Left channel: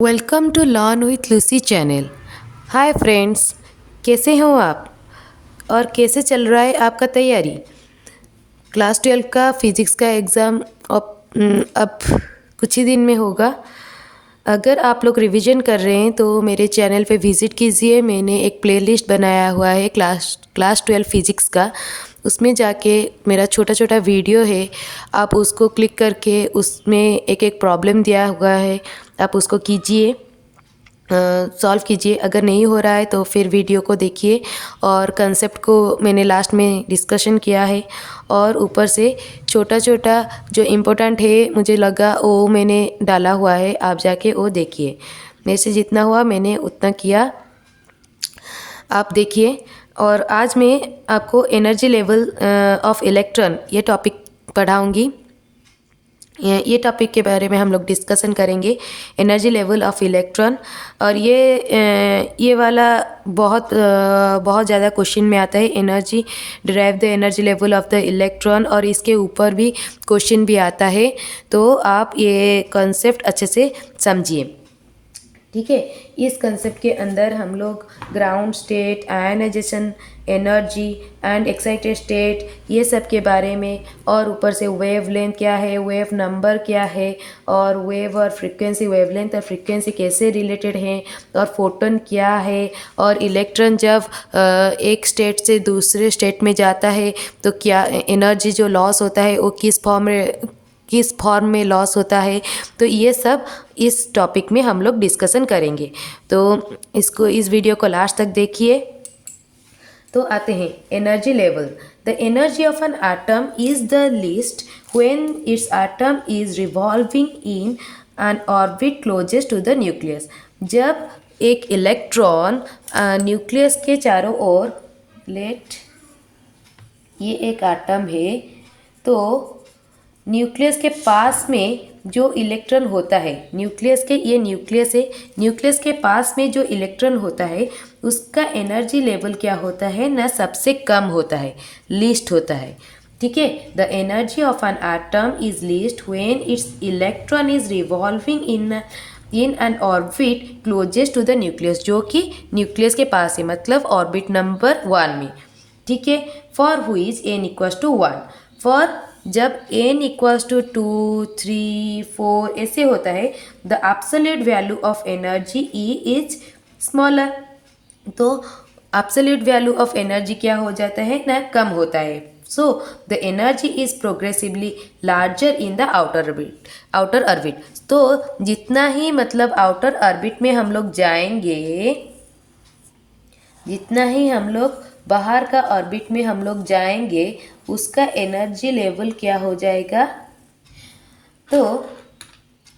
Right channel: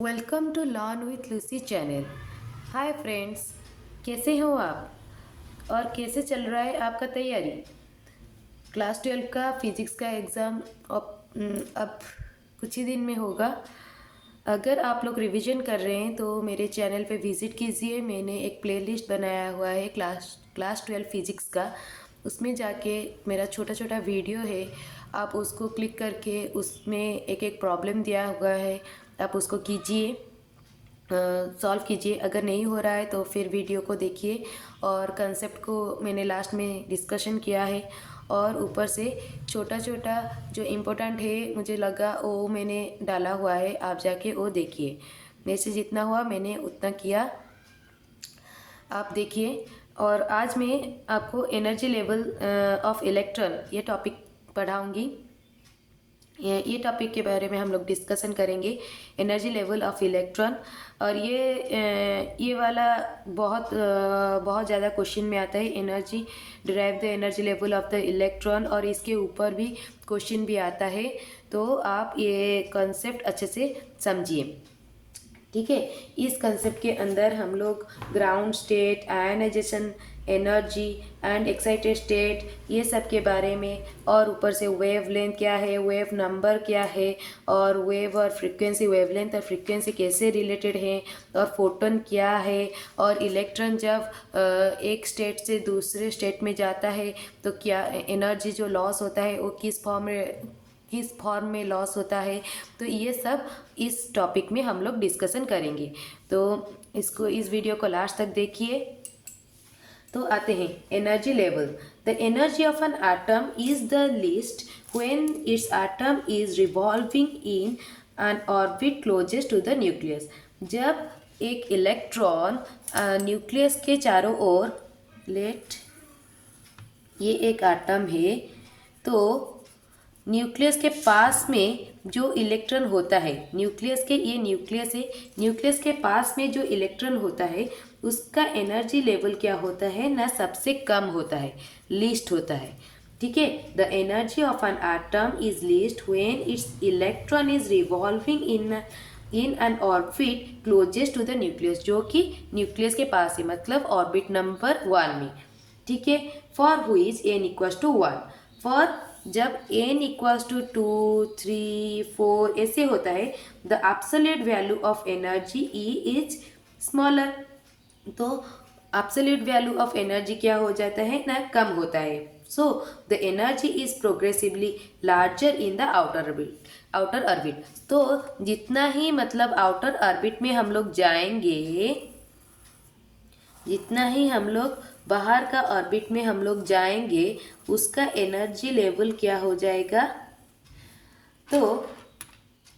Welcome to learn with Lucy channel. Hi friends, कैसे हो आप और कैसे चल रहा है आपका तैयारी? क्लास 12 का फिज़िक्स का एग्ज़ाम अब कुछ ही दिन में होगा। अगर आप लोग रिवीजन कर रहे हैं तो मेरे चैनल पे विज़िट कीजिए। मैंने एक प्लेलिस्ट बनाया हुआ है क्लास 12 फिज़िक्स का। उसमें जाके मेरा छोटा छोटा वीडियो है, आप उसको क्लिक करके उसमें एक एक प्रॉब्लम दिया हुआ है, आप उसको कीजिए, सॉल्व कीजिए। अगर नहीं हो रहा है तो फिर वीडियो को देखिए और कंसेप्ट को मैंने लास्ट में डिस्कशन किया है। और ऊपर से छोटा छोटा जो इम्पोर्टेंट है मुझे लगा वो मैंने डाला हुआ है, आप जाके वो देखिए। मेरे से जितना हुआ मैंने उतना किया, आप देखिए। और आज मैं आपको एनर्जी लेवल ऑफ इलेक्ट्रॉन ये टॉपिक पढ़ाऊँगी। ये टॉपिक के बारे में हम लोग डिस्कशन करेंगे, एनर्जी लेवल ऑफ इलेक्ट्रॉन। और ये वाला बहुत ज़्यादा क्वेश्चन में आता है, energy derive the energy level of the electron, और इसके ऊपर भी क्वेश्चन भी आता है। तो आप ये कॉन्सेप्ट अच्छे से समझिए, ठीक है। इस कंसेप्ट के अंदर हम लोग ground state, ionisation energy and excited state, ये सब के बारे में, और ऊपर से वेव लेंथ क्या है, वेव नंबर क्या है, और वेव और फ्रीक्वेंसी, वेव लेंथ और फ्रीक्वेंसी कैसे रिलेटेड हैं, और फोटोन क्या है, और इलेक्ट्रॉन जब एक स्टेट से दूसरे स्टेट में जाता है तो क्या एनर्जी जो लॉस होता है वो किस फॉर्म में लॉस होता है। तो ये सब इस टॉपिक में हम लोग डिस्कशन करेंगे। तो इस वीडियो को लास्ट तक देखिए। तो आते हैं energy level. The energy of an atom is the least when it's atom is revolving in an orbit closest to the nucleus. जब एक इलेक्ट्रॉन न्यूक्लियस के चारों ओर, ये एक एटम है, तो न्यूक्लियस के पास में जो इलेक्ट्रॉन होता है, ये न्यूक्लियस है, न्यूक्लियस के पास में जो इलेक्ट्रॉन होता है उसका एनर्जी लेवल क्या होता है ना, सबसे कम होता है, लीस्ट होता है, ठीक है। The energy of an atom is least when it's electron is revolving in an orbit closest to the nucleus, जो कि न्यूक्लियस के पास है, मतलब ऑर्बिट नंबर 1 में, ठीक है। For which N equals to 1, for जब n इक्वल्स टू 2, 3, 4 ऐसे होता है, the absolute value of energy E is smaller. तो एब्सोल्यूट वैल्यू ऑफ एनर्जी क्या हो जाता है ना, कम होता है। So the energy is progressively larger in the outer orbit. तो जितना ही मतलब आउटर ऑर्बिट में हम लोग जाएंगे, जितना ही हम लोग बाहर का ऑर्बिट में हम लोग जाएंगे, उसका एनर्जी लेवल क्या हो जाएगा, तो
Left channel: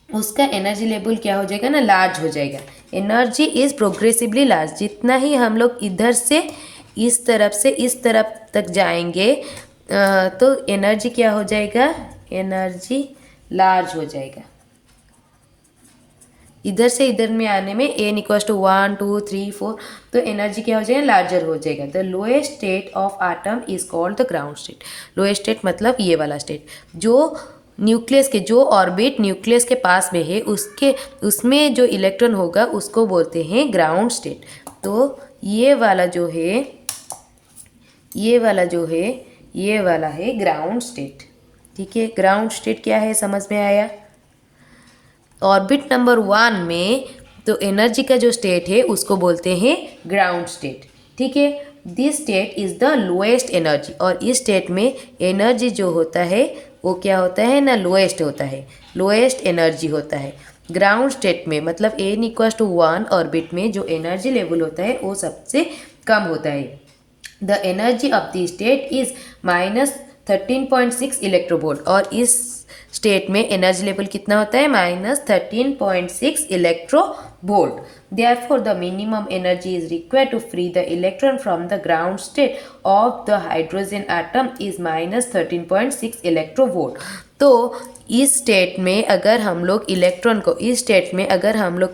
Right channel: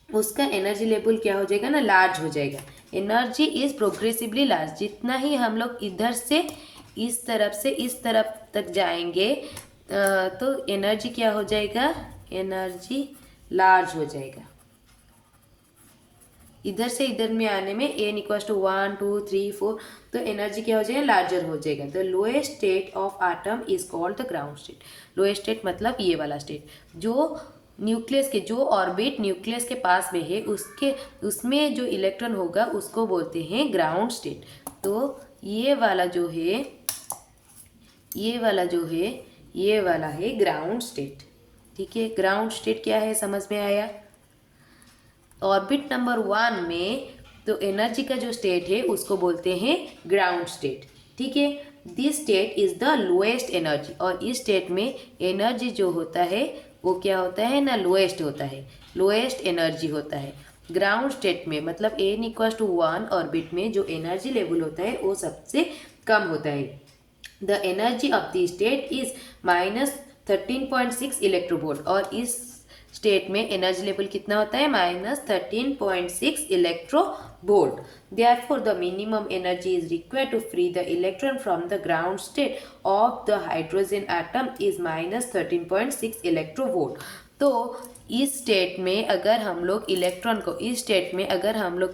उसका एनर्जी लेवल क्या हो जाएगा ना, लार्ज हो जाएगा। Energy is progressively large. जितना ही हम लोग इधर से इस तरफ से इस तरफ तक जाएंगे तो एनर्जी क्या हो जाएगा, एनर्जी लार्ज हो जाएगा। इधर से इधर में आने में n इक्वल्स टू 1, 2, 3, 4, तो एनर्जी क्या हो जाएगा, लार्जर हो जाएगा। The lowest state of atom is called the ground state. Lowest state मतलब ये वाला स्टेट, जो न्यूक्लियस के, जो ऑर्बिट न्यूक्लियस के पास में है, उसमें जो इलेक्ट्रॉन होगा उसको बोलते हैं ग्राउंड स्टेट। तो ये वाला जो है, ये वाला है ग्राउंड स्टेट, ठीक है। ग्राउंड स्टेट क्या है, समझ में आया? ऑर्बिट नंबर 1 में तो एनर्जी का जो स्टेट है उसको बोलते हैं ग्राउंड स्टेट, ठीक है। This state is the lowest energy, और इस स्टेट में एनर्जी जो होता है वो क्या होता है ना, लोएस्ट होता है, लोएस्ट एनर्जी होता है। ग्राउंड स्टेट में मतलब n इक्वल्स टू 1 ऑर्बिट में जो एनर्जी लेवल होता है वो सबसे कम होता है। The energy of the state is -13.6 electronvolt, और इस स्टेट में एनर्जी लेवल कितना होता है, -13.6 electronvolt. Therefore the minimum energy is required to free the electron from the ground state of the hydrogen atom is -13.6 electronvolt. तो इस state में अगर हम लोग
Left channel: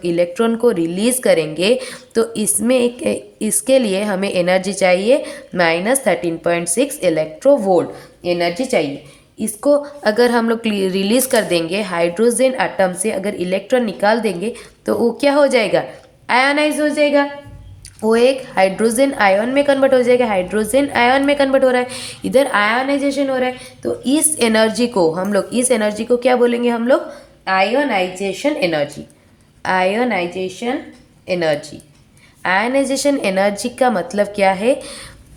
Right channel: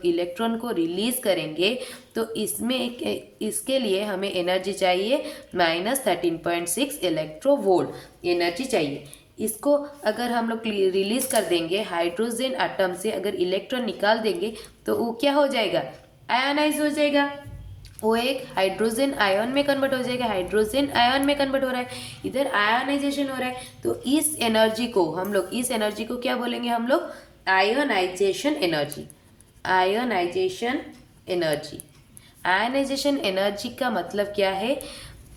इलेक्ट्रॉन को रिलीज करेंगे तो इसके लिए हमें एनर्जी चाहिए -13.6 इलेक्ट्रोवोल्ट एनर्जी चाहिए। इसको अगर हम लोग रिलीज़ कर देंगे, हाइड्रोजन एटम से अगर इलेक्ट्रॉन निकाल देंगे तो वो क्या हो जाएगा, आयोनाइज हो जाएगा। वो एक हाइड्रोजन आयन में कन्वर्ट हो जाएगा, हाइड्रोजन आयन में कन्वर्ट हो रहा है, इधर आयोनाइजेशन हो रहा है। तो इस एनर्जी को हम लोग, इस एनर्जी को क्या बोलेंगे हम लोग, ionisation energy. Ionisation energy, ionisation energy का मतलब क्या है,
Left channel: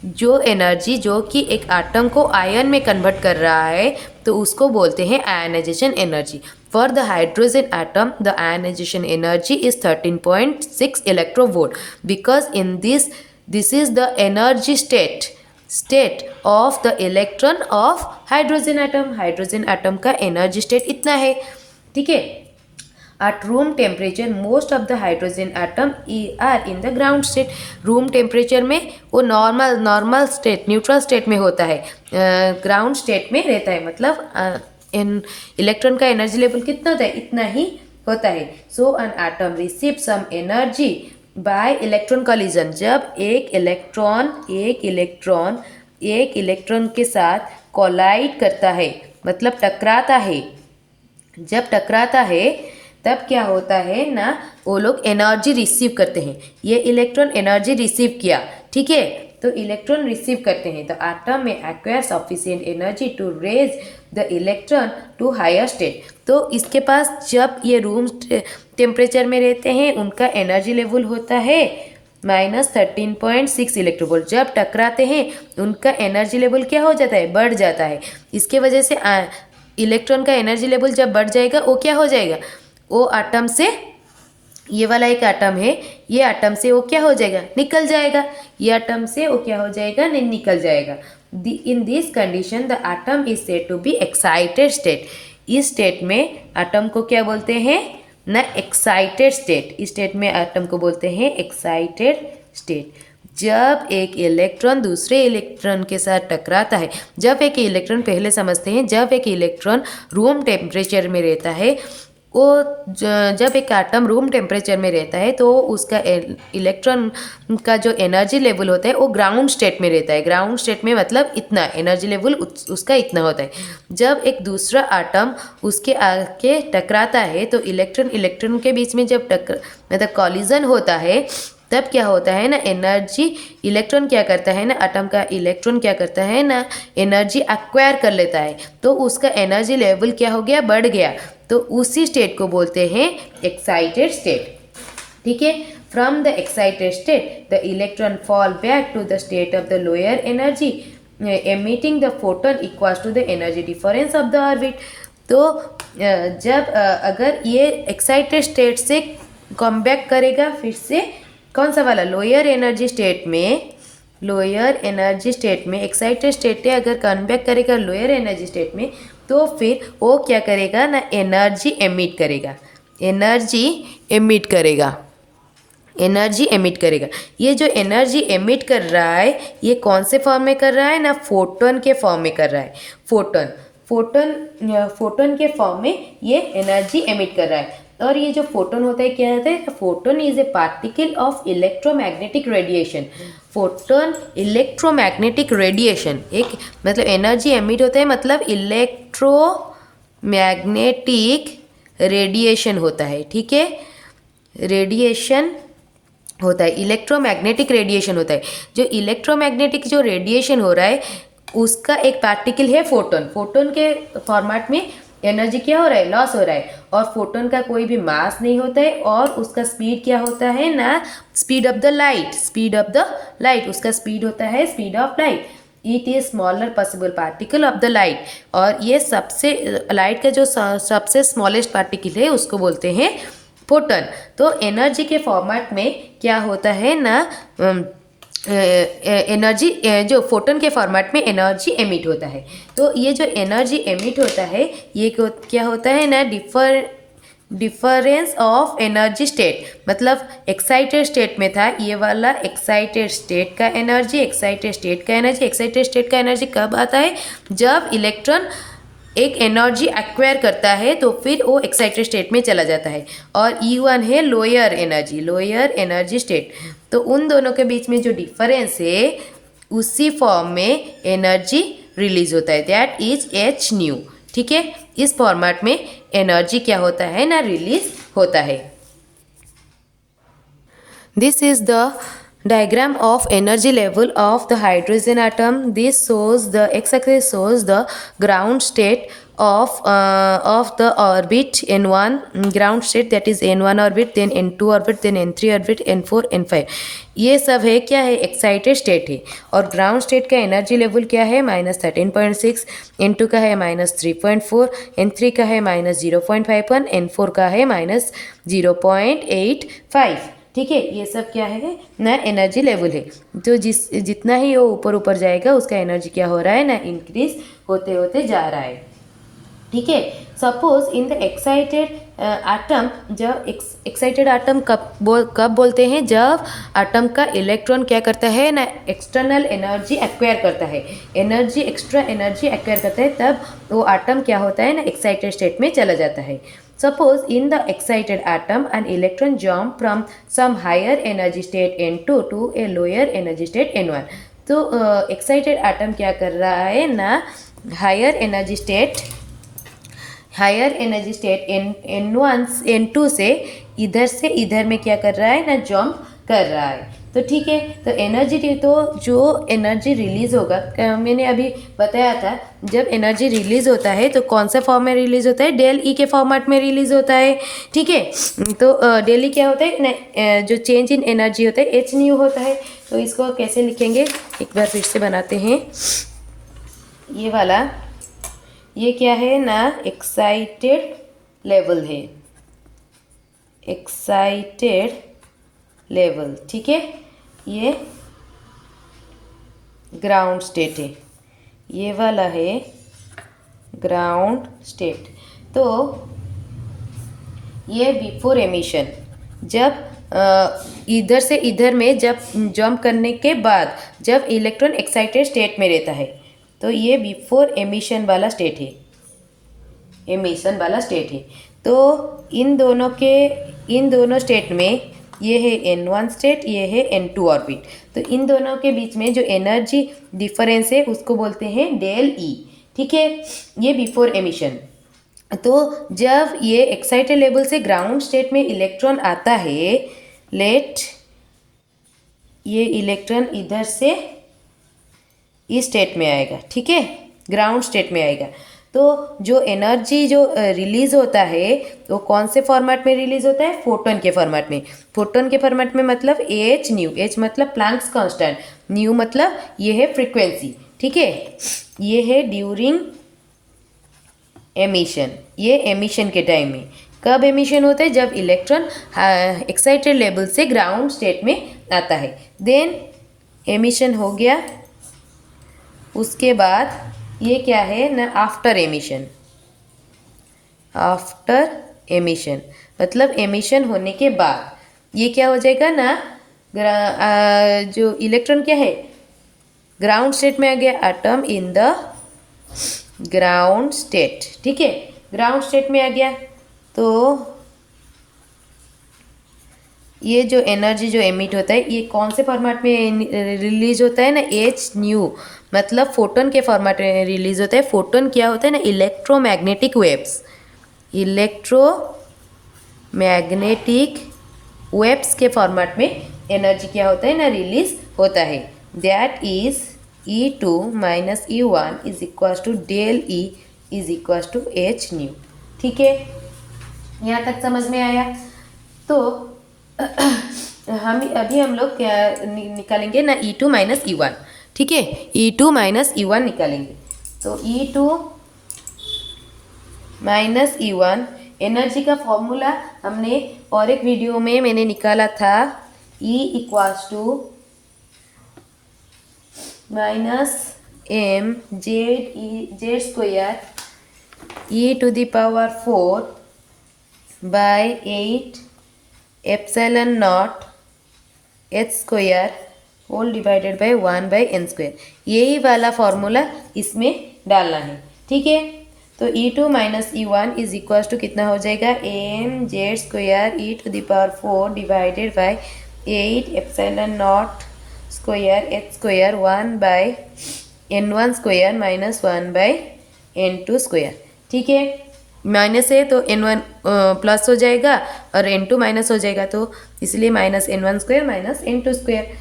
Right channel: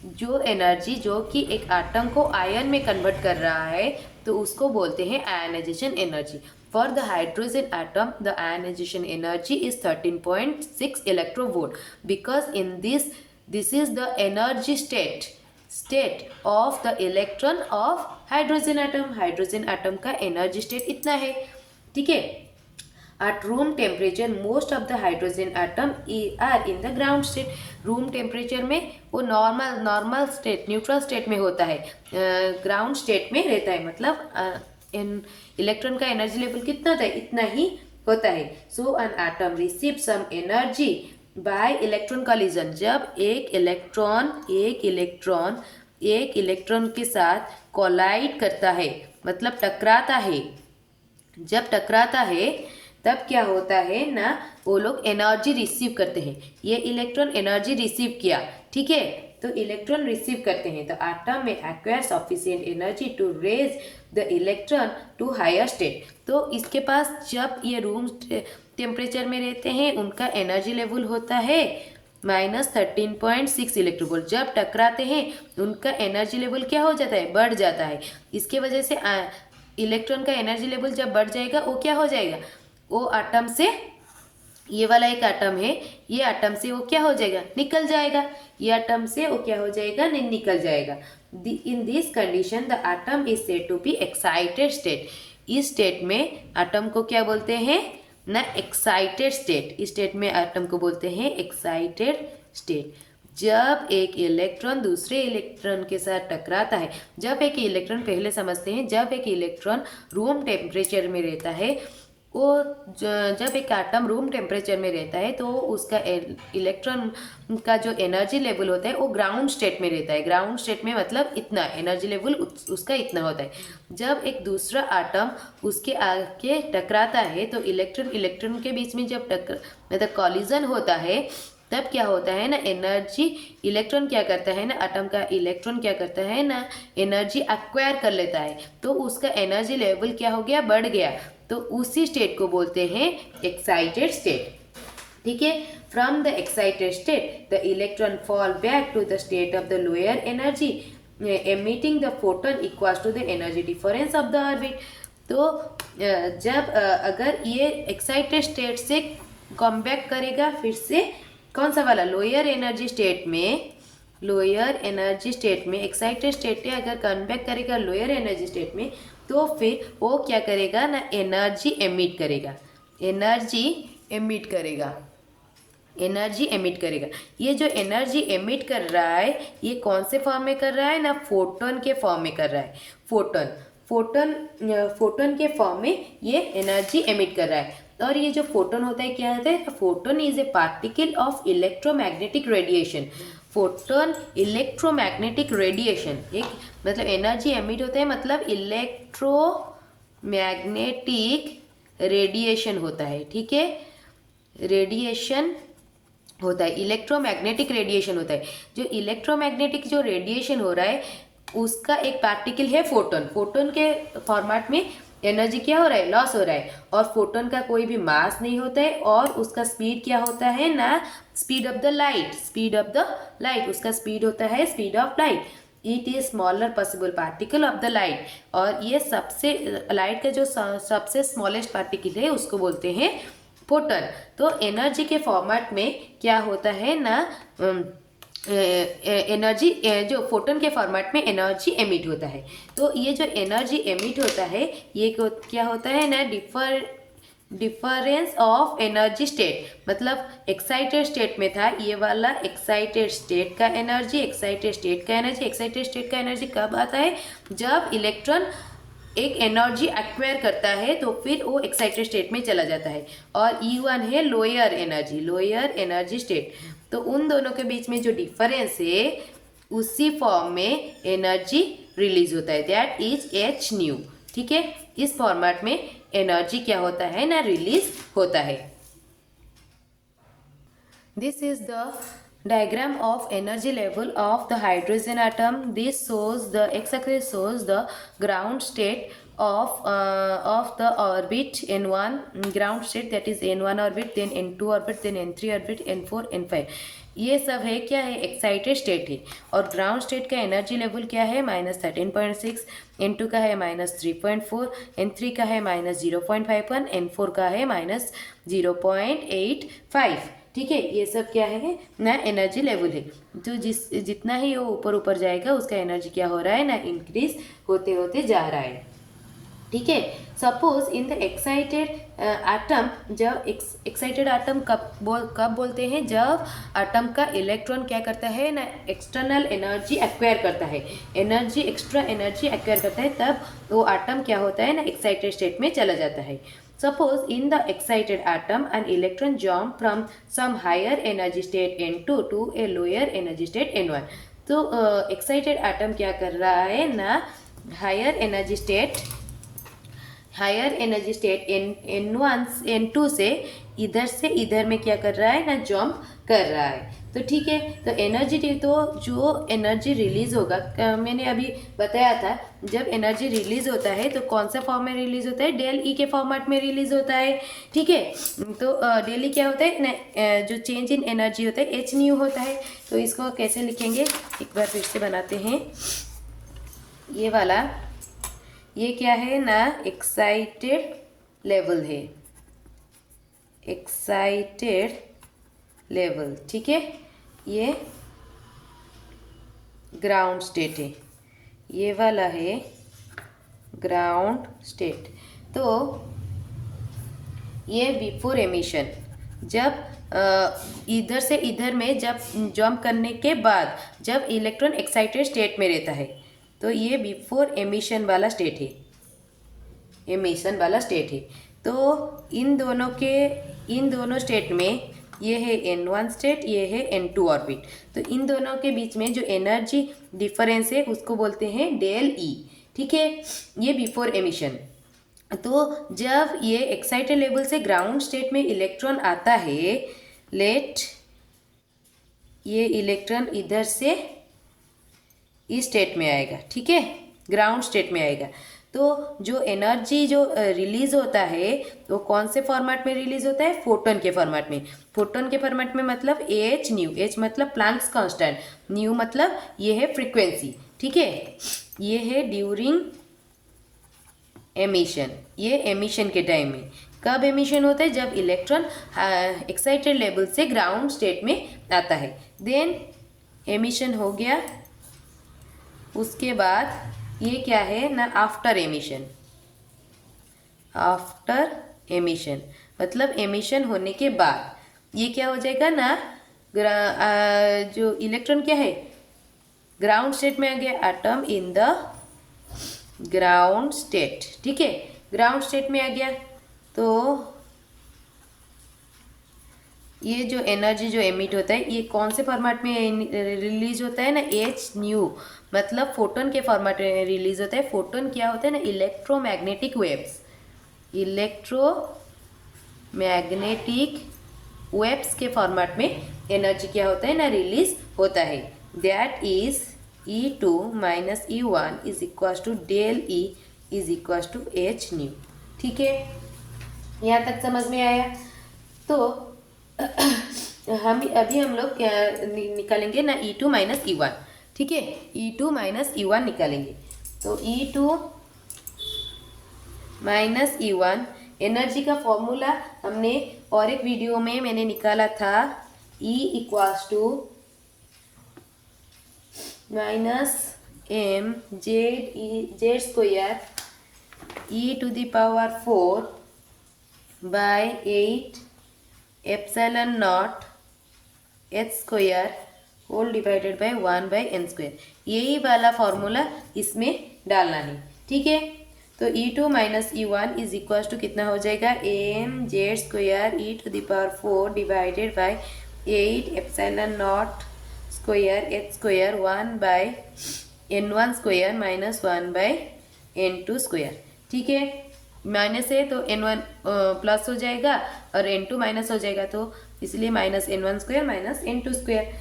जो एनर्जी जो कि एक एटम को आयन में कन्वर्ट कर रहा है तो उसको बोलते हैं ionisation energy. For the hydrogen atom the ionisation energy is 13.6 electronvolt because in this is the energy state of the electron of hydrogen atom. Hydrogen atom का एनर्जी स्टेट इतना है, ठीक है। At room temperature, most of the hydrogen atom are in the ground state. Room temperature में वो normal state, neutral state में होता है, ग्राउंड स्टेट में रहता है। मतलब इलेक्ट्रॉन का एनर्जी लेवल कितना होता है, इतना ही होता है। So an atom receive some energy by electron collision. जब एक इलेक्ट्रॉन के साथ कोलाइड करता है, मतलब टकराता है, जब टकराता है तब क्या होता है ना, वो लोग एनर्जी रिसीव करते हैं। ये इलेक्ट्रॉन एनर्जी रिसीव किया, ठीक है, तो इलेक्ट्रॉन रिसीव करते हैं, तो एटम में acquire sufficient energy to raise the electron to higher state. तो इसके पास जब ये रूम टेम्परेचर में रहते हैं उनका एनर्जी लेवल होता है -13.6 इलेक्ट्रोवोल्ट। जब टकराते हैं उनका एनर्जी लेवल क्या हो जाता है, बढ़ जाता है। इसके वजह से इलेक्ट्रॉन का एनर्जी लेवल जब बढ़ जाएगा वो क्या हो जाएगा, वो एटम से, ये वाला एक एटम है, ये एटम से वो क्या हो जाएगा, निकल जाएगा। ये एटम से वो क्या हो जाएगा, निकल जाएगा। In this condition the atom is said to be excited state. इस स्टेट में एटम को क्या बोलते हैं ना, एक्साइटेड स्टेट। इस स्टेट में एटम को बोलते हैं एक्साइटेड स्टेट। जब एक इलेक्ट्रॉन दूसरे इलेक्ट्रॉन के साथ टकराता है, जब एक इलेक्ट्रॉन, पहले समझते हैं, जब एक इलेक्ट्रॉन रूम टेम्परेचर में रहता है, वो जब एक एटम रूम टेम्परेचर में रहता है तो उसका इलेक्ट्रॉन का जो एनर्जी लेवल होता है वो ग्राउंड स्टेट में रहता है। ग्राउंड स्टेट में मतलब इतना एनर्जी लेवल उसका इतना होता है। जब एक दूसरा एटम उसके आके टकराता है तो इलेक्ट्रॉन के बीच में जब मतलब कॉलिजन होता है, तब क्या होता है ना, एनर्जी, इलेक्ट्रॉन क्या करता है ना, एटम का इलेक्ट्रॉन क्या करता है ना, एनर्जी एक्वायर कर लेता है, तो उसका एनर्जी लेवल क्या हो गया, बढ़ गया। तो उसी स्टेट को बोलते हैं एक्साइटेड स्टेट, ठीक है। From the excited state the electron fall back to the state of the lower energy emitting the photon equals to the energy difference of the orbit. तो जब अगर ये एक्साइटेड स्टेट से कम बैक करेगा, फिर से कौन सा वाला, लोअर एनर्जी स्टेट में एक्साइटेड स्टेट है, अगर कन्वेक्ट करेगा लोअर एनर्जी स्टेट में, तो फिर वो क्या करेगा ना, एनर्जी एमिट करेगा। ये जो एनर्जी एमिट कर रहा है, ये कौन से फॉर्म में कर रहा है ना, फोटोन के फॉर्म में कर रहा है। फोटोन के फॉर्म में ये एनर्जी एमिट कर रहा है। और ये जो फोटोन होता है, क्या होता है, photon is a particle of electromagnetic radiation. Photon electromagnetic radiation, एक मतलब एनर्जी एमिट होता है, मतलब इलेक्ट्रोमैग्नेटिक रेडिएशन होता है, ठीक है, रेडिएशन होता है, इलेक्ट्रोमैग्नेटिक रेडिएशन होता है। जो इलेक्ट्रोमैग्नेटिक जो रेडिएशन हो रहा है उसका एक पार्टिकल है फोटोन। फोटोन के फॉर्मेट में एनर्जी क्या हो रहा है, लॉस हो रहा है, और फोटोन का कोई भी मास नहीं होता है, और उसका स्पीड क्या होता है ना, स्पीड ऑफ द लाइट, उसका स्पीड होता है speed of light. It is smaller possible particle of the light, और ये सबसे, लाइट का जो सबसे स्मॉलेस्ट पार्टिकल है उसको बोलते हैं फोटोन। तो एनर्जी के फॉर्मेट में क्या होता है ना, एनर्जी, जो फोटोन के फॉर्मेट में एनर्जी एमिट होता है। तो ये जो एनर्जी एमिट होता है, ये क्या होता है ना, डिफरेंस ऑफ एनर्जी स्टेट। मतलब एक्साइटेड स्टेट में था ये वाला, एक्साइटेड स्टेट का एनर्जी कब आता है, जब इलेक्ट्रॉन एक एनर्जी एक्वायर करता है तो फिर वो एक्साइटेड स्टेट में चला जाता है। और E1 है लोअर एनर्जी स्टेट। तो उन दोनों के बीच में जो डिफरेंस है, उसी फॉर्म में एनर्जी रिलीज होता है, दैट इज एच न्यू। ठीक है, इस फॉर्मेट में एनर्जी क्या होता है ना, रिलीज होता है। This is the diagram of energy level of the hydrogen atom. This shows the x-axis shows the ground state of the orbit n1 ground state, that is n1 orbit, then n2 orbit, then n3 orbit, n4 n5। ये सब है क्या है, excited state है। और ground state का energy level क्या है, -13.6, n2 का है -3.4, n3 का है -0.51, n4 का है -0.85। ठीक है, ये सब क्या है ना, एनर्जी लेवल है। तो जितना ही वो ऊपर ऊपर जाएगा उसका एनर्जी क्या हो रहा है ना, इंक्रीज होते होते जा रहा है। ठीक है, suppose in the excited atom, जब एक्साइटेड एटम कब बोलते हैं, जब एटम का इलेक्ट्रॉन क्या करता है ना, एक्सटर्नल एनर्जी एक्वायर करता है, एक्स्ट्रा एनर्जी एक्वायर करता है, तब वो एटम क्या होता है ना, एक्साइटेड स्टेट में चला जाता है। Suppose in the excited atom an electron jump from some higher energy state n2 to a lower energy state n1। तो excited atom क्या कर रहा है ना, higher energy state n1 n2 से इधर में क्या कर रहा है ना, जंप कर रहा है। तो ठीक है, तो जो एनर्जी रिलीज होगा, मैंने अभी बताया था, जब एनर्जी रिलीज होता है तो कौन सा फॉर्म में रिलीज होता है, डेल ई के फॉर्मेट में रिलीज होता है। ठीक है, तो डेल ई क्या होता है ना, जो चेंज इन एनर्जी होता है एच न्यू होता है। तो इसको कैसे लिखेंगे, एक बार फिर से बनाते हैं। ये वाला, ये क्या है ना, एक्साइटेड लेवल है, एक्साइटेड लेवल। ठीक है, ये ग्राउंड स्टेट है, ये वाला है ग्राउंड स्टेट। तो ये बिफोर एमिशन, जब इधर से इधर में जब जंप करने के बाद जब इलेक्ट्रॉन एक्साइटेड स्टेट में रहता है, तो ये बिफोर एमिशन वाला स्टेट है, एमिशन वाला स्टेट है। तो इन दोनों स्टेट में, ये है n1 स्टेट, ये है n2 ऑर्बिट। तो इन दोनों के बीच में जो एनर्जी डिफरेंस है उसको बोलते हैं डेल ई। ठीक है, ये बिफोर एमिशन। तो जब ये एक्साइटेड लेवल से ग्राउंड स्टेट में इलेक्ट्रॉन आता है, ये इलेक्ट्रॉन इधर से इस स्टेट में आएगा। ठीक है, ग्राउंड स्टेट में आएगा। तो जो एनर्जी जो रिलीज होता है वो कौन से फॉर्मेट में रिलीज होता है, फोटोन के फॉर्मेट में। फोटोन के फॉर्मेट में मतलब एच न्यू, एच मतलब प्लैंक्स कांस्टेंट, न्यू मतलब ये है फ्रीक्वेंसी। ठीक है, ये है ड्यूरिंग एमिशन, ये एमिशन के टाइम में। कब एमिशन होता है, जब इलेक्ट्रॉन एक्साइटेड लेवल से ग्राउंड स्टेट में आता है। देन एमिशन हो गया, उसके बाद ये क्या है ना, आफ्टर एमिशन। आफ्टर एमिशन मतलब एमिशन होने के बाद ये क्या हो जाएगा ना, जो इलेक्ट्रॉन क्या है, ग्राउंड स्टेट में आ गया, atom in the ground state. ठीक है, ग्राउंड स्टेट में आ गया। तो ये जो एनर्जी जो एमिट होता है, ये कौन से फॉर्मेट में रिलीज होता है ना, एच न्यू मतलब फोटोन के फॉर्मेट में रिलीज होता है। फोटोन क्या होता है ना, इलेक्ट्रोमैग्नेटिक वेव्स, इलेक्ट्रोमैग्नेटिक वेव्स के फॉर्मेट में एनर्जी क्या होता है ना, रिलीज होता है। That is E2 minus E1 is equal to del E is equal to h nu. ठीक है, यहाँ तक समझ में आया। तो हम लोग क्या निकालेंगे ना, E2 माइनस E1। ठीक है, E2 माइनस E1 निकालेंगे। तो E2 माइनस E1 एनर्जी का फॉर्मूला हमने और एक वीडियो में मैंने निकाला था, E equals to minus m z square e to the power 4 by 8 epsilon nought h square whole divided by 1 by n square. यही वाला फॉर्मूला इसमें डालना है। ठीक है, तो E2 minus E1 is equal to कितना हो जाएगा, m z square e to the power 4 divided by 8 epsilon nought square h square 1 by n1 square minus 1/n2 square. ठीक है, माइनस है तो n1 प्लस हो जाएगा और n2 माइनस हो जाएगा, तो इसलिए minus n1 square minus n2 square.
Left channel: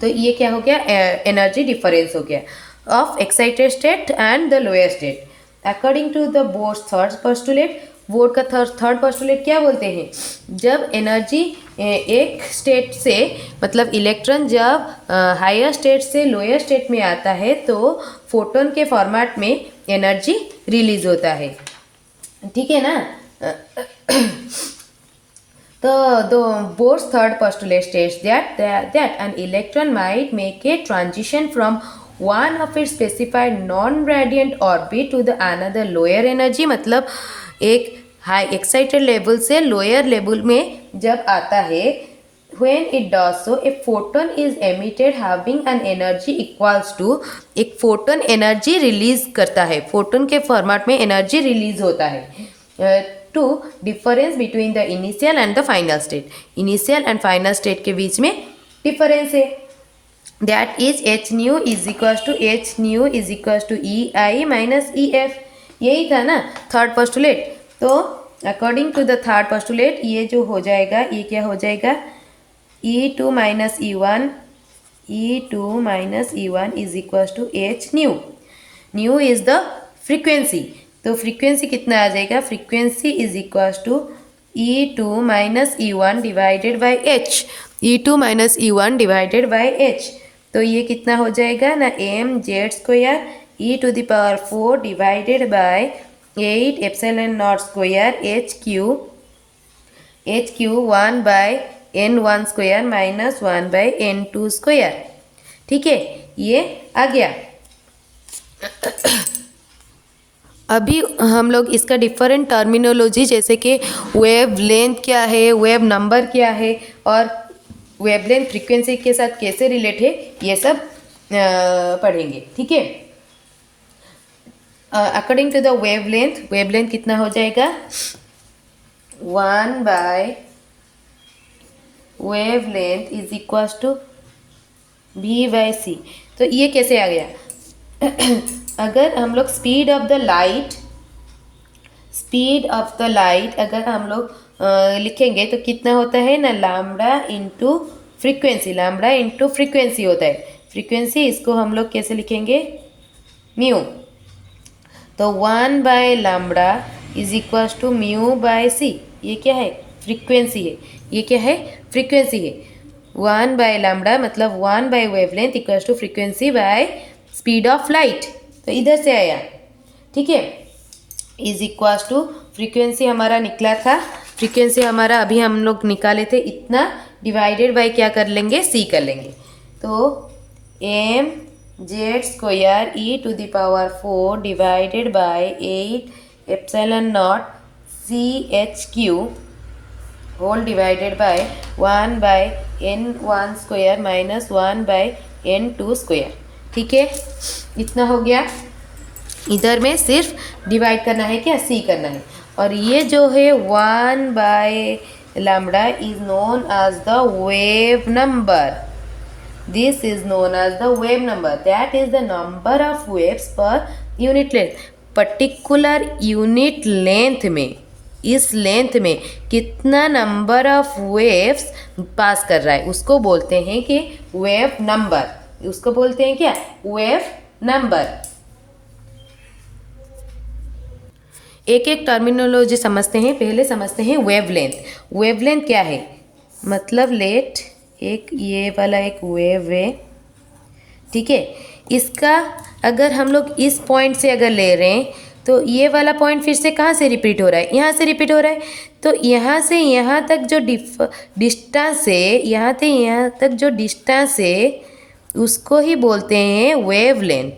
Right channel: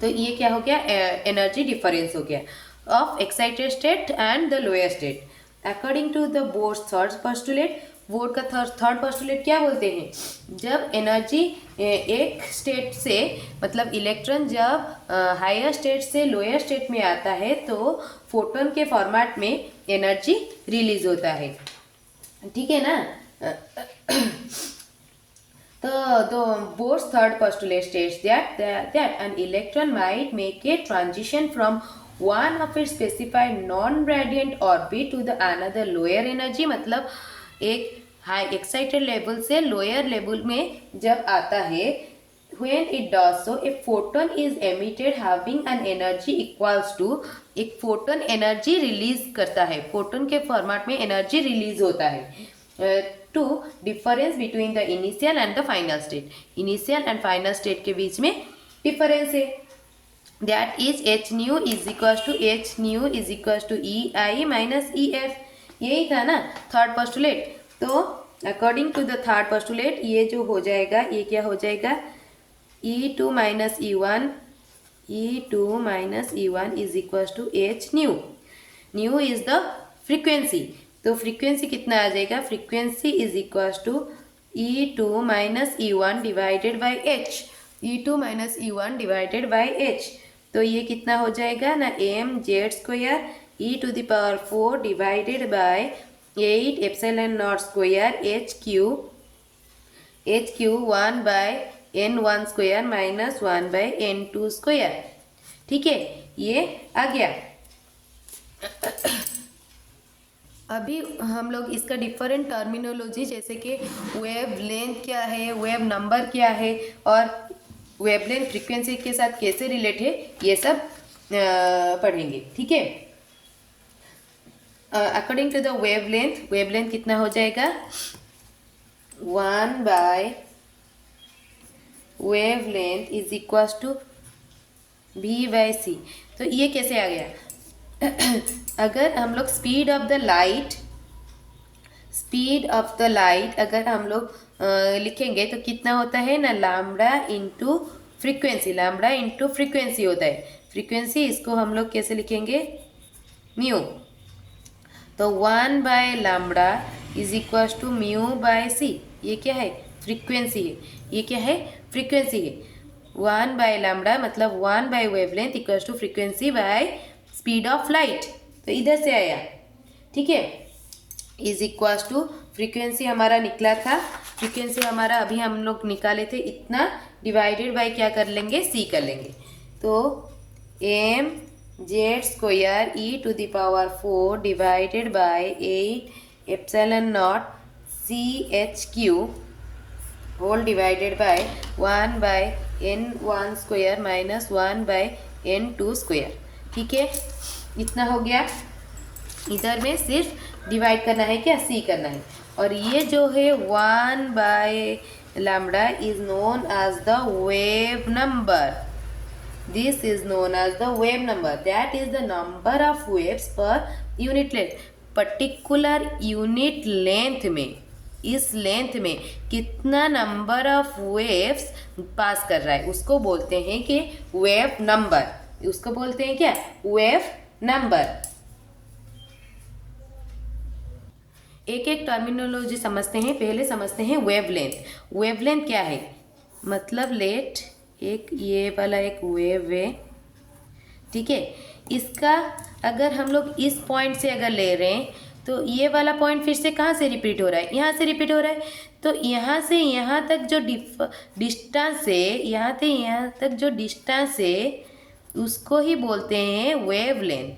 तो ये क्या हो गया, एनर्जी डिफरेंस हो गया of excited state and the lower state according to the Bohr's third postulate. Bohr का थर्ड पोस्टुलेट क्या बोलते हैं, जब एनर्जी एक स्टेट से मतलब इलेक्ट्रॉन जब हायर स्टेट से लोअर स्टेट में आता है तो फोटोन के फॉर्मेट में एनर्जी रिलीज होता है। ठीक है ना। The Bohr's third postulate states that an electron might make a transition from one of its specified non-radiant orbit to the another lower energy, मतलब एक हाई एक्साइटेड लेवल से लोअर लेवल में जब आता है, when it does so a photon is emitted having an energy equals to, एक photon energy release करता है, फोटोन के फॉर्मेट में एनर्जी रिलीज होता है to difference between the initial and the final state. Initial and final state के बीच में डिफरेंस है, that is h nu is equals to E I minus E F. यही था ना थर्ड पोस्टुलेट। तो according to the third postulate ये जो हो जाएगा, ये क्या हो जाएगा, E2 minus E1 is equals to h nu. Nu is the frequency, तो फ्रीक्वेंसी कितना आ जाएगा, frequency is equals to E2 minus E1 divided by h. E2 minus E1 divided by h, तो ये कितना हो जाएगा ना, m z square e to the power 4 divided by 8 epsilon nought square h q 1/n1 square minus 1/n2 square. ठीक है, ये आ गया। अभी हम लोग इसका डिफरेंट टर्मिनोलॉजी जैसे कि वेव लेंथ क्या है, वेव नंबर क्या है और वेव लेंथ फ्रीक्वेंसी के साथ कैसे रिलेट है, ये सब पढ़ेंगे। ठीक है, अकॉर्डिंग टू द वेवलेंथ कितना हो जाएगा, 1 by wavelength is equals to v by C. तो ये कैसे आ गया, अगर हम लोग स्पीड ऑफ द लाइट अगर हम लोग लिखेंगे तो कितना होता है ना, लैम्बडा इंटू फ्रीक्वेंसी होता है। फ्रीक्वेंसी इसको हम लोग कैसे लिखेंगे, म्यू। तो 1 by lambda is equals to mu by C. ये क्या है, फ्रीक्वेंसी है। ये क्या है, फ्रीक्वेंसी है। 1 बाय लैम्बडा मतलब 1 by wavelength equals to frequency by speed of light. तो इधर से आया। ठीक है, इज इक्वल्स टू फ्रीक्वेंसी हमारा निकला था, फ्रीक्वेंसी हमारा अभी हम लोग निकाले थे इतना, डिवाइडेड बाय क्या कर लेंगे, सी कर लेंगे। तो m z square e to the power 4 divided by 8 epsilon nought c h q whole divided by 1/n1 square minus 1/n2 square. ठीक है, इतना हो गया। इधर में सिर्फ डिवाइड करना है, क्या सी करना है। और ये जो है 1 by lambda is known as the wave number. This is known as the wave number. That is the number of waves per unit length. Particular unit length में, इस लेंथ में कितना नंबर ऑफ वेव्स पास कर रहा है उसको बोलते हैं कि वेव नंबर। उसको बोलते हैं क्या, वेव नंबर। एक एक टर्मिनोलॉजी समझते हैं। पहले समझते हैं वेवलेंथ। वेवलेंथ क्या है, मतलब लेट एक ये वाला एक वेव है। ठीक है, इसका अगर हम लोग इस पॉइंट से अगर ले रहे हैं तो ये वाला पॉइंट फिर से कहाँ से रिपीट हो रहा है, यहाँ से रिपीट हो रहा है। तो यहाँ से यहाँ तक जो डिस्टेंस है, यहाँ से यहाँ तक जो डिस्टेंस है उसको ही बोलते हैं वेवलेंथ,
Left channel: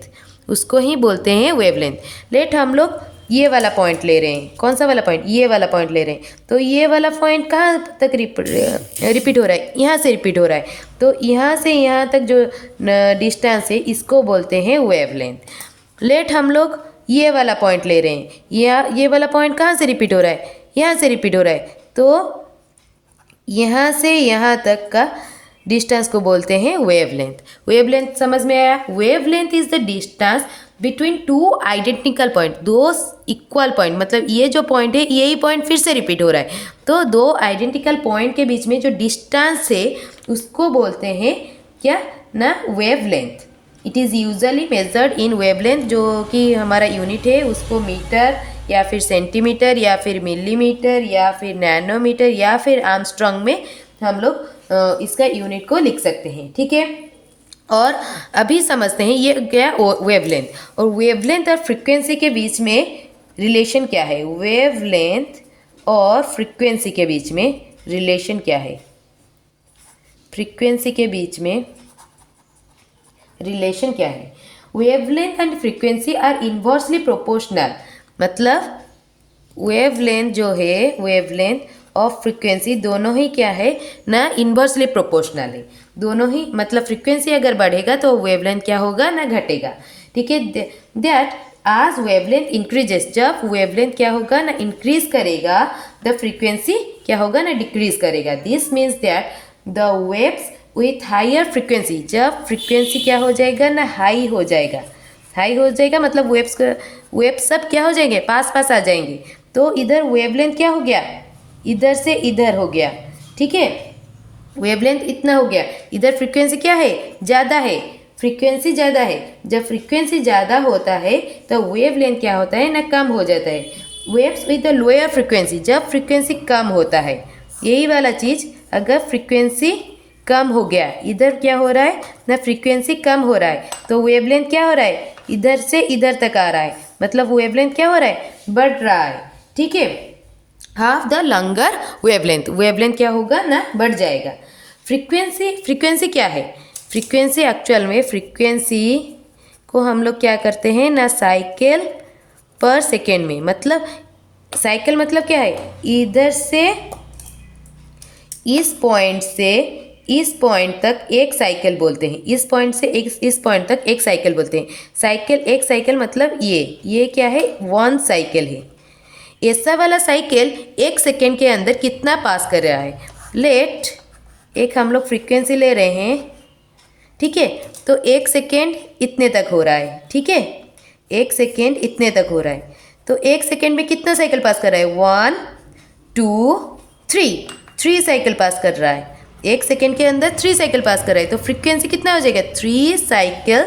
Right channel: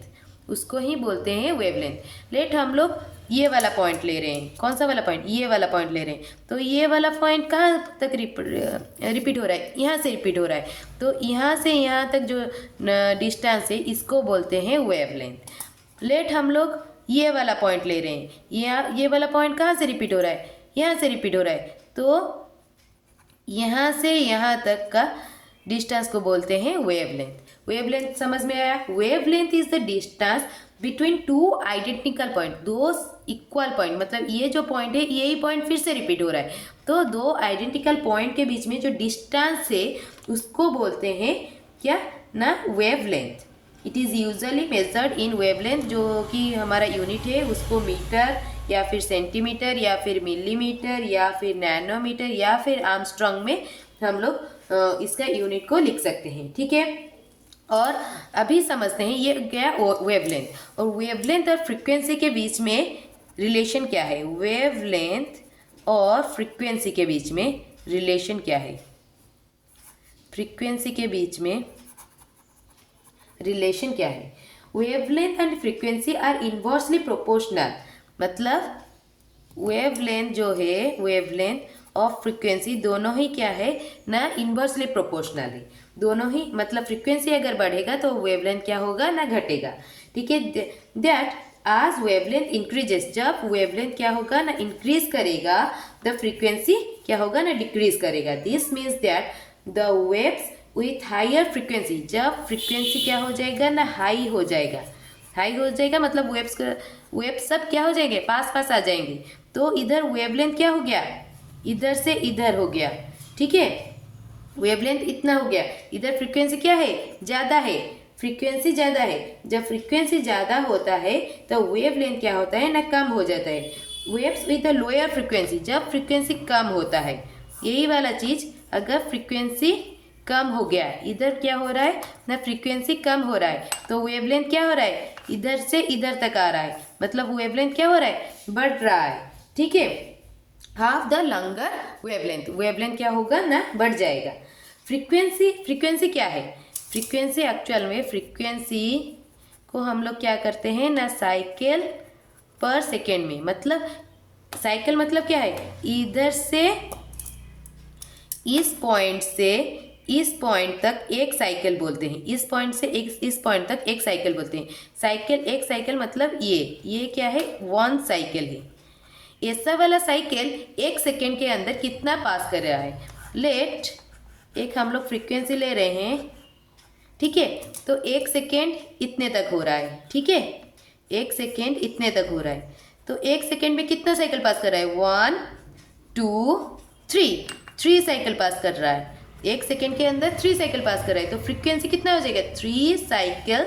उसको ही बोलते हैं वेवलेंथ। लेट हम लोग ये वाला पॉइंट ले रहे हैं। कौन सा वाला पॉइंट, ये वाला पॉइंट ले रहे हैं। तो ये वाला पॉइंट कहाँ तक रिपीट हो रहा है, यहाँ से रिपीट हो रहा है। तो यहाँ से यहाँ तक जो डिस्टेंस है इसको बोलते हैं वेवलेंथ। लेट हम लोग ये वाला पॉइंट ले रहे हैं। ये वाला पॉइंट कहाँ से रिपीट हो रहा है, यहाँ से रिपीट हो रहा है। तो यहाँ से यहाँ तक का डिस्टेंस को बोलते हैं वेवलेंथ। वेवलेंथ समझ में आया? Wavelength is the distance between two identical point, दो इक्वल पॉइंट, मतलब ये जो पॉइंट है यही पॉइंट फिर से रिपीट हो रहा है, तो दो आइडेंटिकल पॉइंट के बीच में जो डिस्टेंस है उसको बोलते हैं क्या ना, wavelength. It is usually measured in wavelength, जो कि हमारा यूनिट है उसको मीटर या फिर सेंटीमीटर या फिर मिलीमीटर या फिर नैनोमीटर या फिर आर्मस्ट्रॉन्ग में हम लोग इसका यूनिट को लिख सकते हैं। ठीक है, और अभी समझते हैं ये क्या वेवलेंथ, और वेवलेंथ और फ्रीक्वेंसी के बीच में रिलेशन क्या है। वेवलेंथ और फ्रीक्वेंसी के बीच में रिलेशन क्या है? फ्रीक्वेंसी के बीच में रिलेशन क्या है? Wavelength and frequency are inversely proportional, मतलब वेवलेंथ जो है, वेवलेंथ और फ्रीक्वेंसी दोनों ही क्या है ना, इन्वर्सली प्रोपोर्शनल है। दोनों ही, मतलब फ्रीक्वेंसी अगर बढ़ेगा तो वेवलेंथ क्या होगा ना, घटेगा। ठीक है, दैट आज वेवलेंथ इंक्रीजेस, जब वेवलेंथ क्या होगा ना, इंक्रीज करेगा, द फ्रीक्वेंसी क्या होगा ना, डिक्रीज करेगा। This means that the waves with higher frequency, जब फ्रीक्वेंसी क्या हो जाएगा ना, हाई हो जाएगा, हाई हो जाएगा मतलब वेव्स सब क्या हो जाएंगे, पास पास आ जाएंगे, तो इधर वेवलेंथ क्या हो गया, इधर से इधर हो गया। ठीक है, वेवलेंथ इतना हो गया, इधर फ्रीक्वेंसी क्या है, ज़्यादा है, फ्रीक्वेंसी ज़्यादा है। जब फ्रीक्वेंसी ज़्यादा होता है तो वेवलेंथ क्या होता है ना, कम हो जाता है। Waves with the lower frequency, जब फ्रीक्वेंसी कम होता है, यही वाला चीज़ अगर फ्रीक्वेंसी कम हो गया, इधर क्या हो रहा है ना, फ्रीक्वेंसी कम हो रहा है, तो वेवलेंथ क्या हो रहा है, इधर से इधर तक आ रहा है, मतलब वेवलेंथ क्या हो रहा है, बढ़ रहा है। ठीक है, half the longer wavelength, wavelength क्या होगा ना, बढ़ जाएगा। फ्रीक्वेंसी क्या है? फ्रीक्वेंसी एक्चुअल में, फ्रीक्वेंसी को हम लोग क्या करते हैं ना, साइकिल पर सेकेंड में, मतलब साइकिल मतलब क्या है, इधर से इस पॉइंट से इस पॉइंट तक एक साइकिल बोलते हैं, इस पॉइंट से इस पॉइंट तक एक साइकिल बोलते हैं। साइकिल, एक साइकिल मतलब ये क्या है, वन साइकिल है। ऐसा वाला साइकिल एक सेकेंड के अंदर कितना पास कर रहा है। लेट एक हम लोग फ्रीक्वेंसी ले रहे हैं, ठीक है, तो एक सेकेंड इतने तक हो रहा है। ठीक है, एक सेकेंड इतने तक हो रहा है, तो एक सेकेंड में कितना साइकिल पास कर रहा है, 1 2 3 साइकिल पास कर रहा है। एक सेकेंड के अंदर 3 साइकिल पास कर रहा है, तो फ्रीक्वेंसी कितना हो जाएगा, 3 साइकिल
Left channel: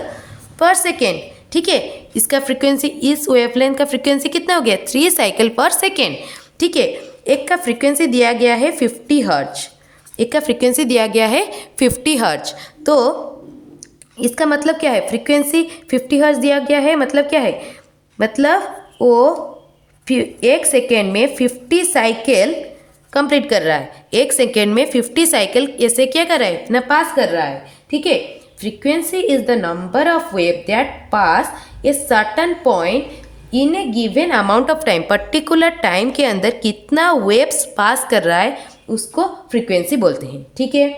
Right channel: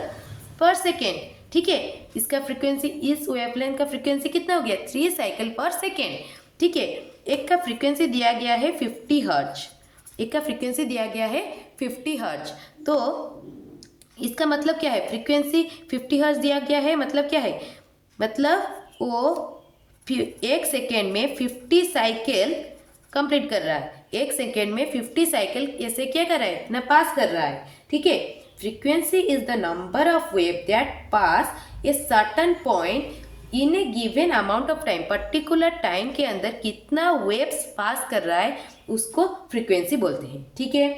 पर सेकेंड। ठीक है, इसका फ्रीक्वेंसी, इस वेवलेंथ का फ्रीक्वेंसी कितना हो गया, 3 साइकिल पर सेकेंड। ठीक है, एक का फ्रीक्वेंसी दिया गया है 50 हर्ट्ज, एक का फ्रीक्वेंसी दिया गया है 50 हर्ट्ज, तो इसका मतलब क्या है, फ्रीक्वेंसी 50 हर्ट्ज दिया गया है, मतलब क्या है, मतलब वो एक सेकेंड में 50 साइकिल कंप्लीट कर रहा है, एक सेकेंड में 50 साइकिल ऐसे क्या कर रहा है ना, पास कर रहा है। ठीक है, frequency is the number of wave that pass a certain point in A given amount of time, particular time के अंदर कितना वेव्स पास कर रहा है उसको फ्रीक्वेंसी बोलते हैं। ठीक है,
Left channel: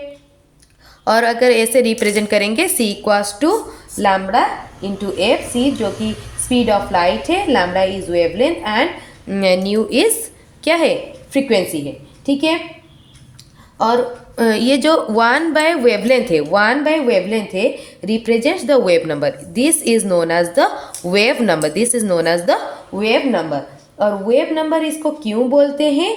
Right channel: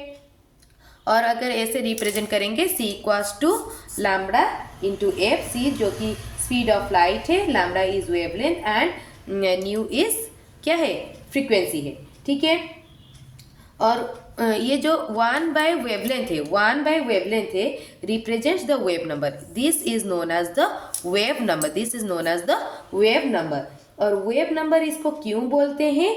और अगर ऐसे रिप्रेजेंट करेंगे, c equals to lambda into F, C जो कि स्पीड ऑफ लाइट है, lambda is wavelength and nu is क्या है, फ्रीक्वेंसी है। ठीक है, और ये जो 1 बाय वेवलेंथ है, 1 बाय वेवलेंथ है, represents the wave number, this is known as the wave number, this is known as the wave number. और वेव नंबर इसको क्यों बोलते हैं,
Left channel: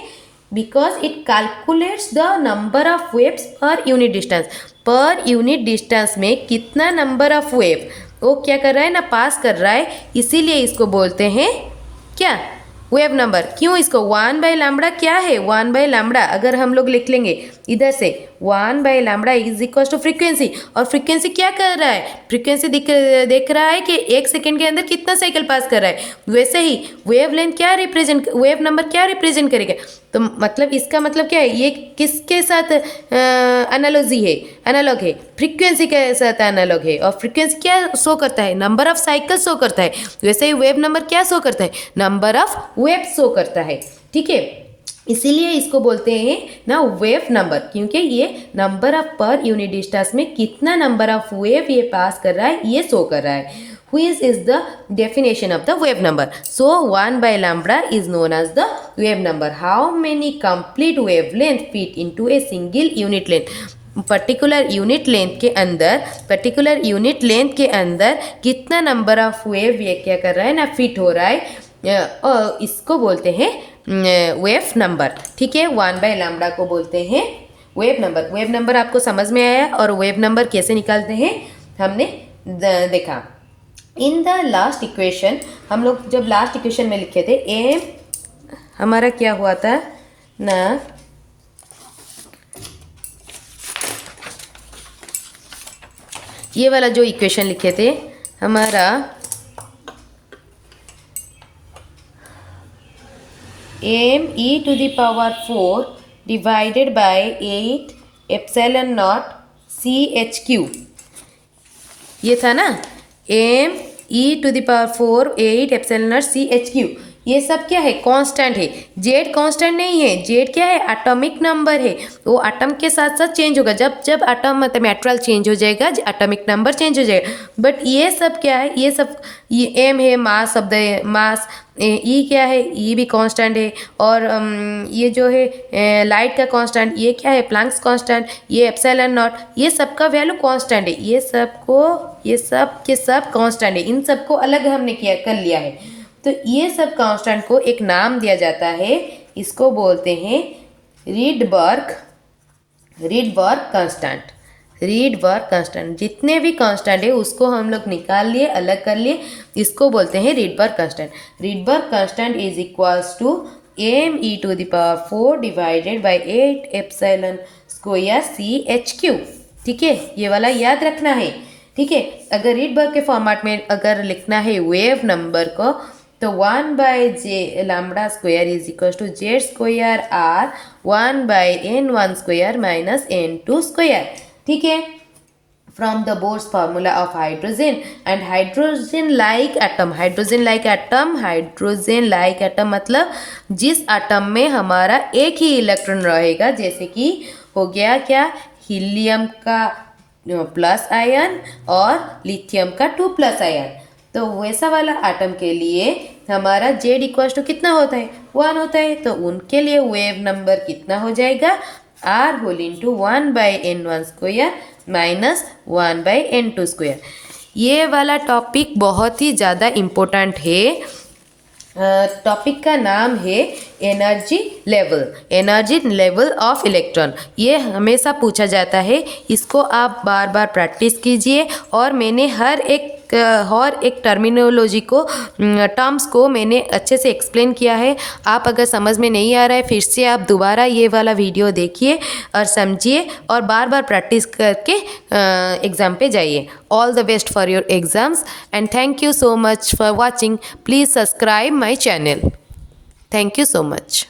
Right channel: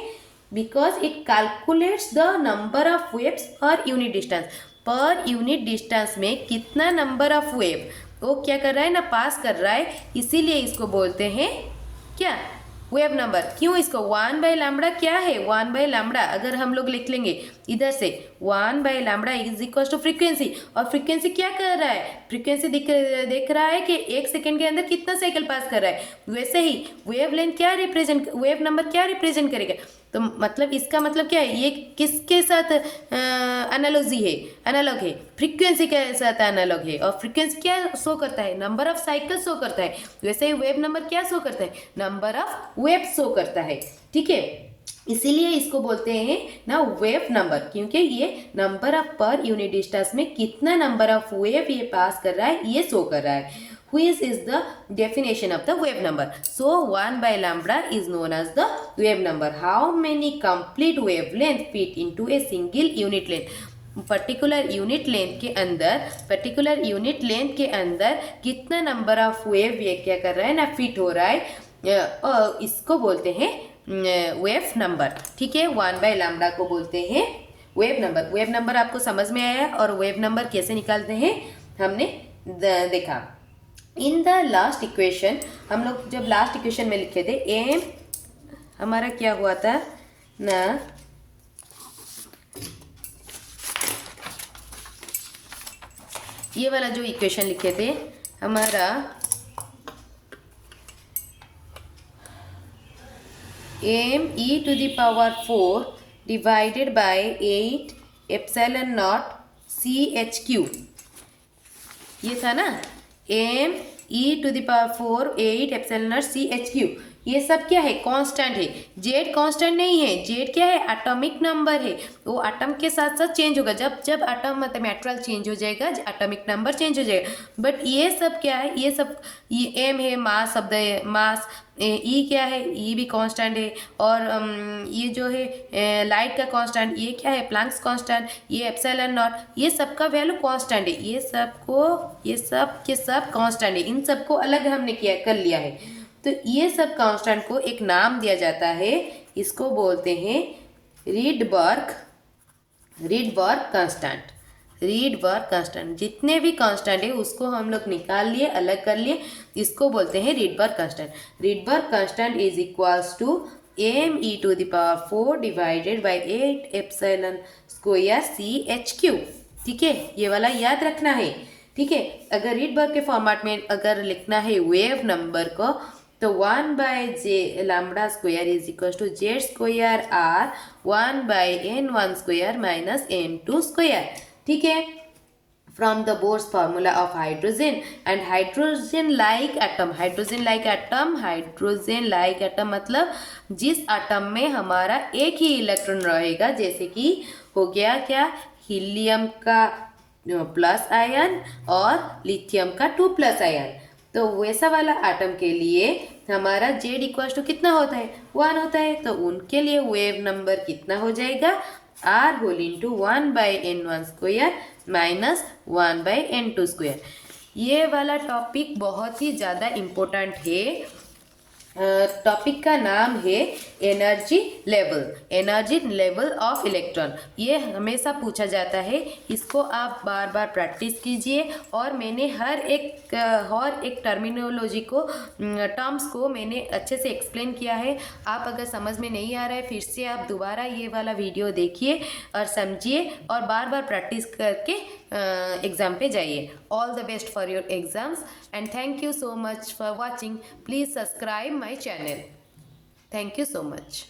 because it calculates the number of waves per unit distance, per unit distance में कितना number of wave वो क्या कर रहा है ना, पास कर रहा है, इसीलिए इसको बोलते हैं क्या, वेव नंबर। क्यों, इसको 1 बाय लैम्बडा क्या है, 1 बाय लैम्बडा अगर हम लोग लिख लेंगे इधर से, 1 by lambda is equal to frequency, और फ्रीक्वेंसी क्या कर रहा है, फ्रीक्वेंसी देख रहा है कि एक सेकेंड के अंदर कितना साइकिल पास कर रहा है, वैसे ही वेव लेंथ क्या रिप्रेजेंट, वेव नंबर क्या रिप्रेजेंट करेगा, तो मतलब इसका मतलब क्या है, ये किसके साथ एनालॉजी है, एनालॉग है, फ्रीक्वेंसी के साथ एनालॉग है, और फ्रीक्वेंसी क्या शो करता है, नंबर ऑफ साइकिल शो करता है, वैसे ही वेव नंबर क्या शो करता है, नंबर ऑफ वेव शो करता है। ठीक है, इसीलिए इसको बोलते हैं ना वेव नंबर, क्योंकि ये नंबर ऑफ पर यूनिट डिस्टेंस में कितना नंबर ऑफ वेव ये पास कर रहा है ये शो कर रहा है। Which is the definition of the wave number? So 1 by lambda is known as the wave number. How many complete wavelength fit into a single unit length? Particular unit length के अंदर कितना number of wave ये क्या कर रहा है ना, fit हो रहा है, और इसको बोलते हैं वेव नंबर। ठीक है, 1/λ को बोलते हैं वेव नंबर। वेव नंबर आपको समझ में आया, और वेव नंबर कैसे निकालते हैं हमने देखा। इन द लास्ट इक्वेशन, हम लोग जब लास्ट इक्वेशन में लिखे थे, एम हमारा क्या हुआ था ना, ये वाला जो इक्वेशन लिखे थे हमारा, m e⁴ divided by 8 epsilon nought CHQ, ये था ना, M e⁴ 8 epsilon nought CHQ। ये सब क्या है, कांस्टेंट है। जेड कांस्टेंट नहीं है, जेड क्या है, एटॉमिक नंबर है। वो एटम के साथ साथ चेंज होगा, जब जब एटम मतलब मेटेरियल चेंज हो जाएगा, एटॉमिक नंबर चेंज हो जाएगा। बट ये सब क्या है, ये सब, ये एम है, मास शब्द है, मास। ई क्या है, ई भी कांस्टेंट है। और ये जो है लाइट का कांस्टेंट, ये क्या है, प्लैंक्स कांस्टेंट। ये एप्सिलॉन नॉट, ये सब का वैल्यू कांस्टेंट है। ये सब के सब कांस्टेंट है। इन सबको अलग हमने किया कर लिया है। तो ये सब कांस्टेंट को एक नाम दिया जाता है, इसको बोलते हैं रीडबर्ग कांस्टेंट। रीडबर्ग कांस्टेंट, जितने भी कांस्टेंट है उसको हम लोग निकाल लिए, अलग कर लिए, इसको बोलते हैं Rydberg constant. Rydberg constant is equals to M e⁴ divided by 8 epsilon square CHQ। ठीक है, ये वाला याद रखना है। ठीक है, अगर रीडबर्ग के फॉर्मेट में अगर लिखना है वेव नंबर को, तो 1/λ² is equal to Z² R 1/N1² minus N2²। ठीक है, from the Bohr's formula of hydrogen and hydrogen like atom मतलब जिस एटम में हमारा एक ही इलेक्ट्रॉन रहेगा, जैसे कि हो गया क्या, हीलियम का प्लस आयन और लिथियम का 2+ आयन। तो वैसा वाला एटम के लिए हमारा Z इक्वल टू कितना होता है, 1 होता है। तो उनके लिए वेव नंबर कितना हो जाएगा, R whole into 1/N1² minus 1/N2²। ये वाला टॉपिक बहुत ही ज़्यादा इम्पोर्टेंट है। टॉपिक का नाम है एनर्जी लेवल ऑफ इलेक्ट्रॉन। ये हमेशा पूछा जाता है, इसको आप बार बार प्रैक्टिस कीजिए। और मैंने हर एक टर्मिनोलॉजी को, टर्म्स को मैंने अच्छे से एक्सप्लेन किया है। आप अगर समझ में नहीं आ रहा है, फिर से आप दोबारा ये वाला वीडियो देखिए और समझिए, और बार बार प्रैक्टिस करके एग्ज़ाम पे जाइए। All the best for your exams and thank you so much for watching. Please subscribe my channel. Thank you so much.